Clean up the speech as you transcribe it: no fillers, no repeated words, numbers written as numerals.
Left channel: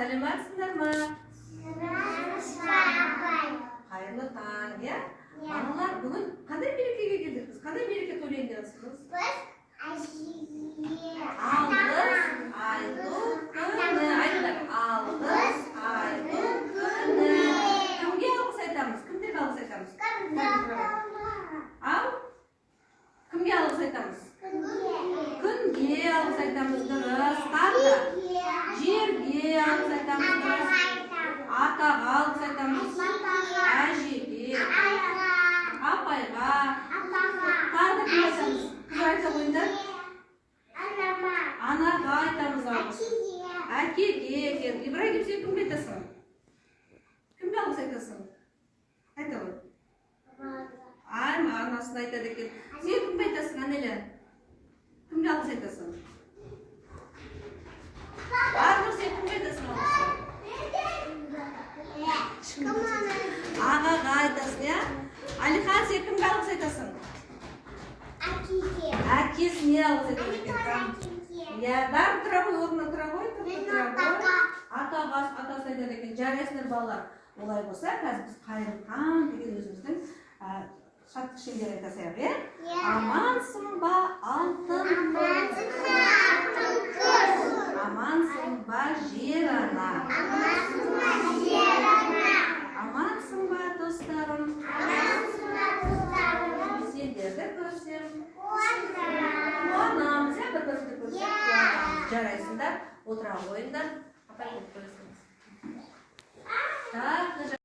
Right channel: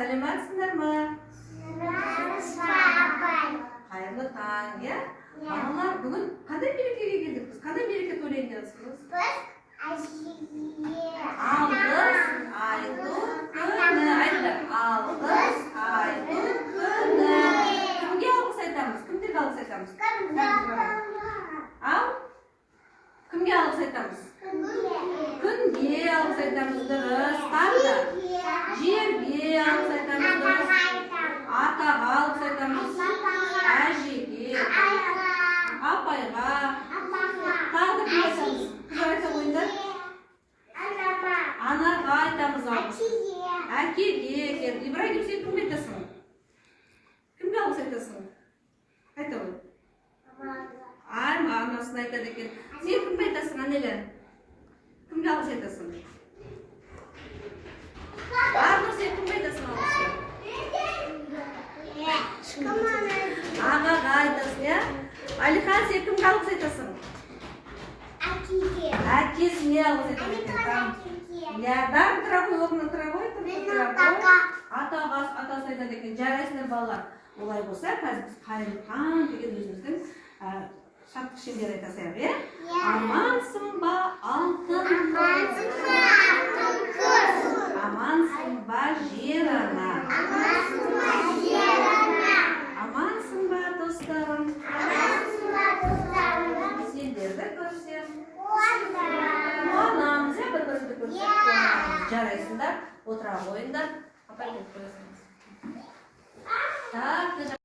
сәлеметсіңдер ме? Апай. Қайырлы таң, иә? Балалар, бүгін қандай мерекеге келдік біз? Қандай мереке тойлайын депсіз? Біз әжеге Алғыс айту күні. Айтыңдар. Алғыс айту күні. Кімге алғыс айтамыз? Кімдерге алғыс айтамыз? Ал? Кімге алғыс айтамыз? Күнге алғыс айтамыз, дұрыс. Тағы да. Жерге алғыс айтамыз, дұрыс. Атаға алғыс айтамыз. Әжеге, апайға. Тағы да кім айтамыз? Кім айта қойыңдар? Анаға айтамыз алғыс. Әкеге екен. Ибрагим, сен кімге айтасың? Кімге алғыс айтасың? Айта ғой. Анасына айтады екен. Сен кімге айтасың, Анеля? Кімге алғыс айтасың? Арнұр, сен кімге айтасың алғысты? Ағаға айтасың, иә? Алихан, сен кімге алғыс айтасың? Әкесіне алғыс айтасың екен. Иә, бәрі тұра ғой, орнына тұра ғой. Атаға атасы айтады екен. Жарайсыңдар балалар. Олай болса, қазір біз Қайырлыхан деген өзіміздің шаттық шеңбер айта саяқ, иә? Амансың ба, алтын қыз? Амансың ба, жер ана? Амансың ба, достарым? Сендерді көрсем қуанамыз, иә, бір-бірімді көрсем қуанамыз. Жарайсыңдар, отыра қойыңдар. Апай, көрсеңіз.